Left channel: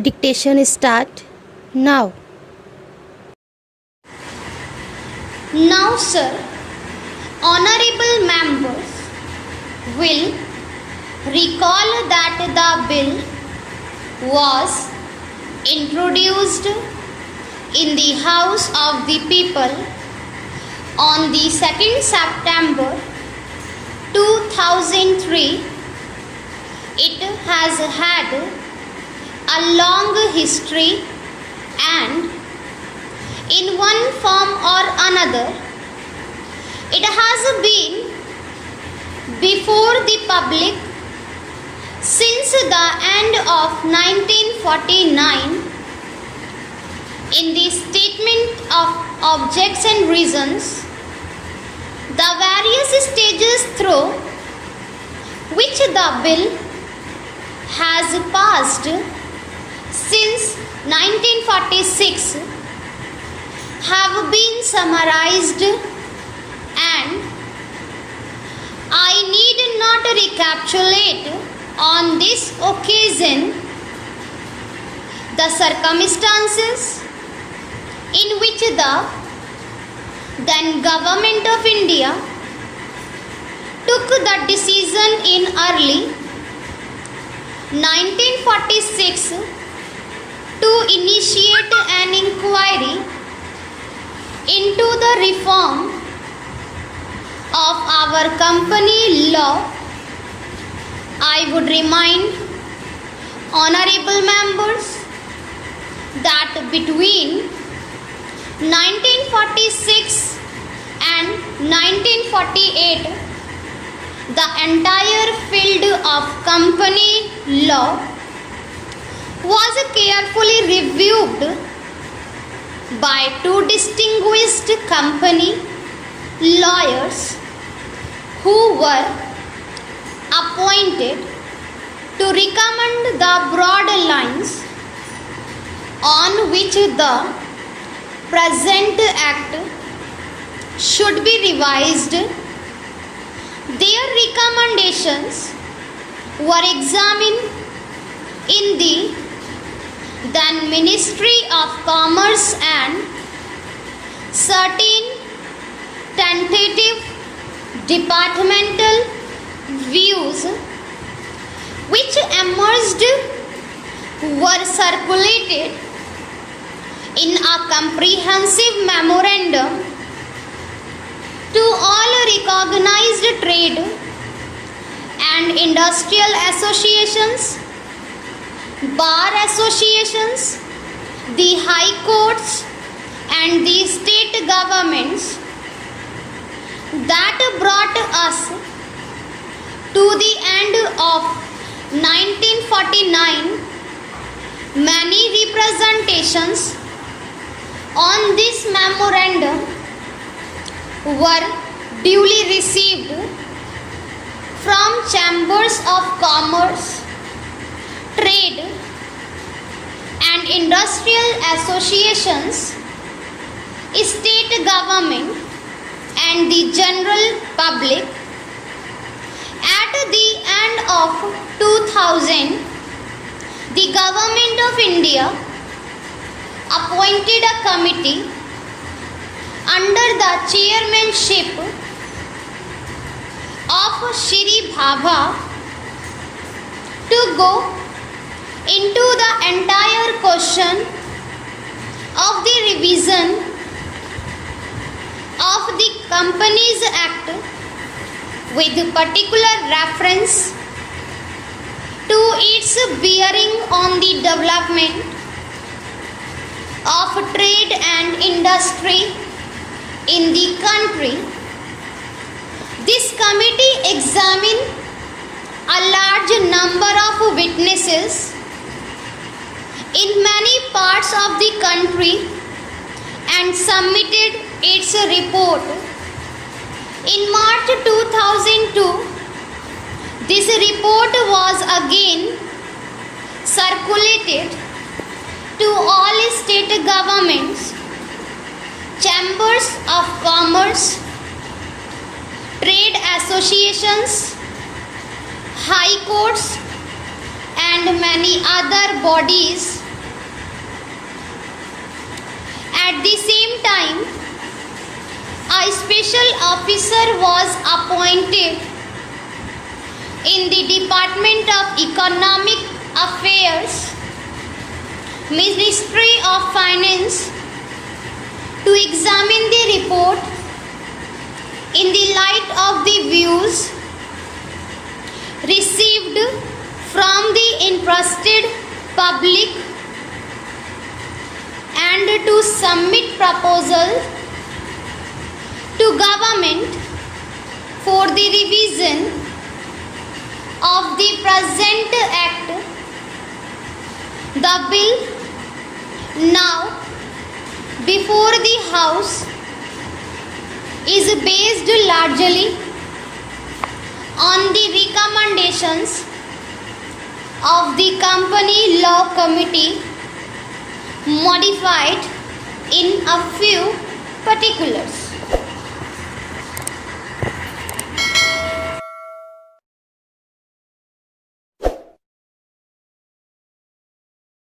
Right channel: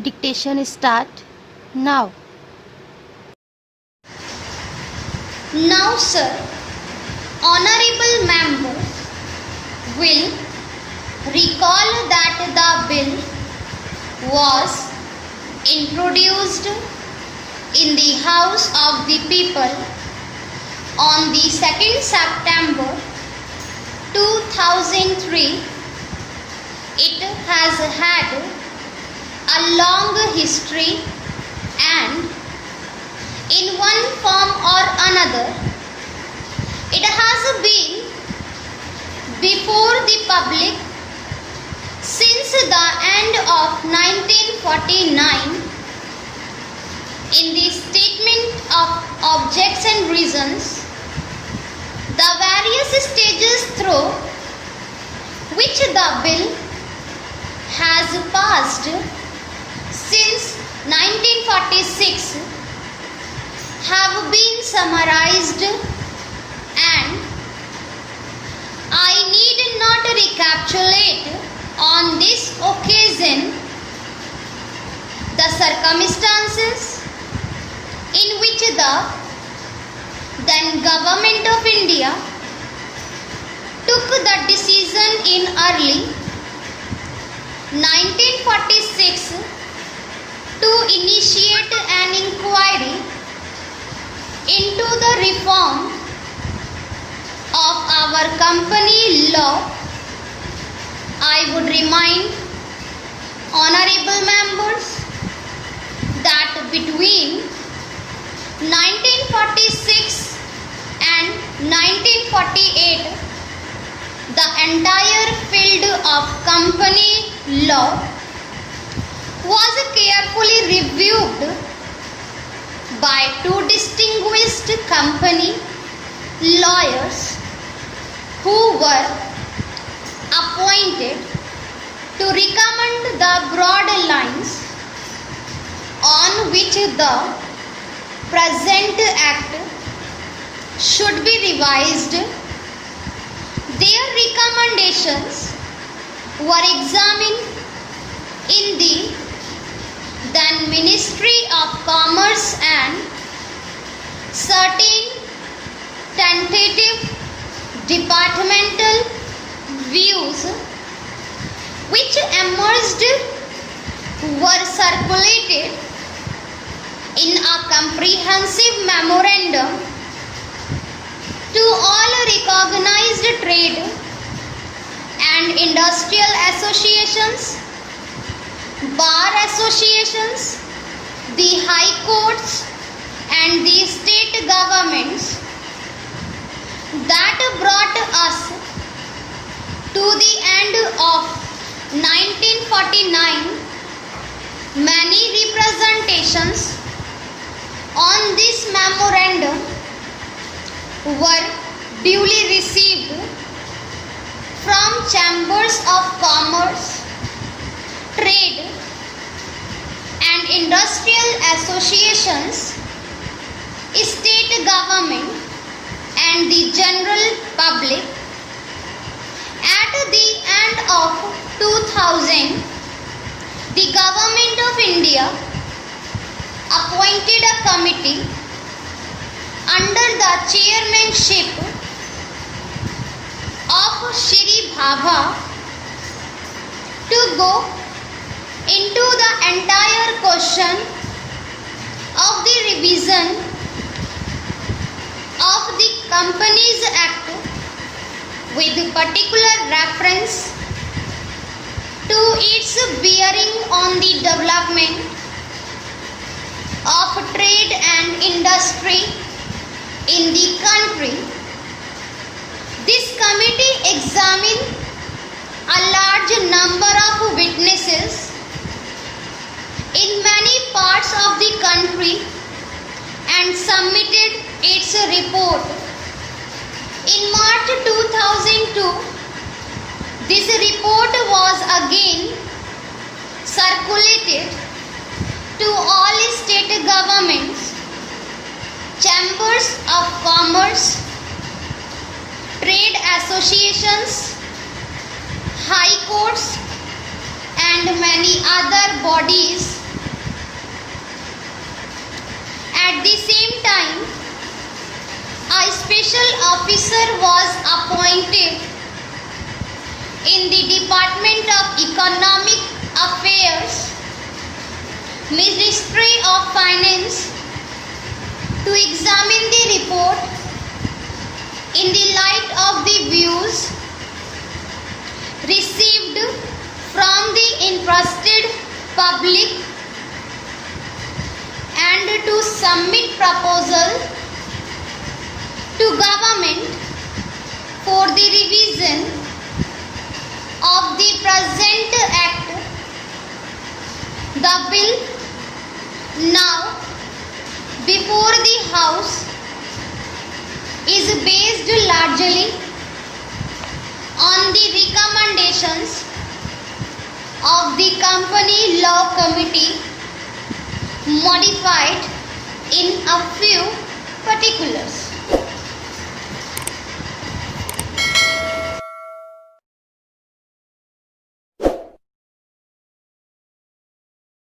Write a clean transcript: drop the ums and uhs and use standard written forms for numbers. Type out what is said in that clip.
Dictation start now. Now, sir, honorable members will recall that the bill was introduced in the House of the People on the 2nd September 2003. It has had a long history and in one form or another it has been before the public since the end of 1949. In the statement of objects and reasons, the various stages through which the bill has passed since 1946 have been summarized, and I need not recapitulate on this occasion the circumstances in which the then Government of India took the decision in early 1946 to initiate an inquiry into the reform of our company law. I would remind honorable members that between 1946 and 1948, the entire field of company law was carefully reviewed by two distinguished company lawyers who were appointed to recommend the broad lines on which the present act should be revised. Their recommendations were examined in the then Ministry of Commerce, and certain tentative departmental views which emerged were circulated in a comprehensive memorandum to all recognized trade and industrial associations, bar associations, the high courts and the state governments. That brought us to the end of 1949. Many representations on this memorandum were duly received from chambers of commerce, trade and industrial associations, state government and the general public. At the end of 2000, the Government of India appointed a committee under the chairmanship of Shri Bhabha to go into the entire question of the revision of the Companies Act with particular reference to its bearing on the development of trade and industry in the country. This committee examined a large number of witnesses in many parts of the country and submitted its report. In March 2002, this report was again circulated to all state governments, chambers of commerce, trade associations, high courts and many other bodies At the same time, a special officer was appointed in the Department of Economic Affairs, Ministry of Finance, to examine the report in the light of the views received from the interested public and to submit proposal to government for the revision of the present act. The bill now before the House is based largely on the recommendations of the Company Law Committee, modified in a few particulars.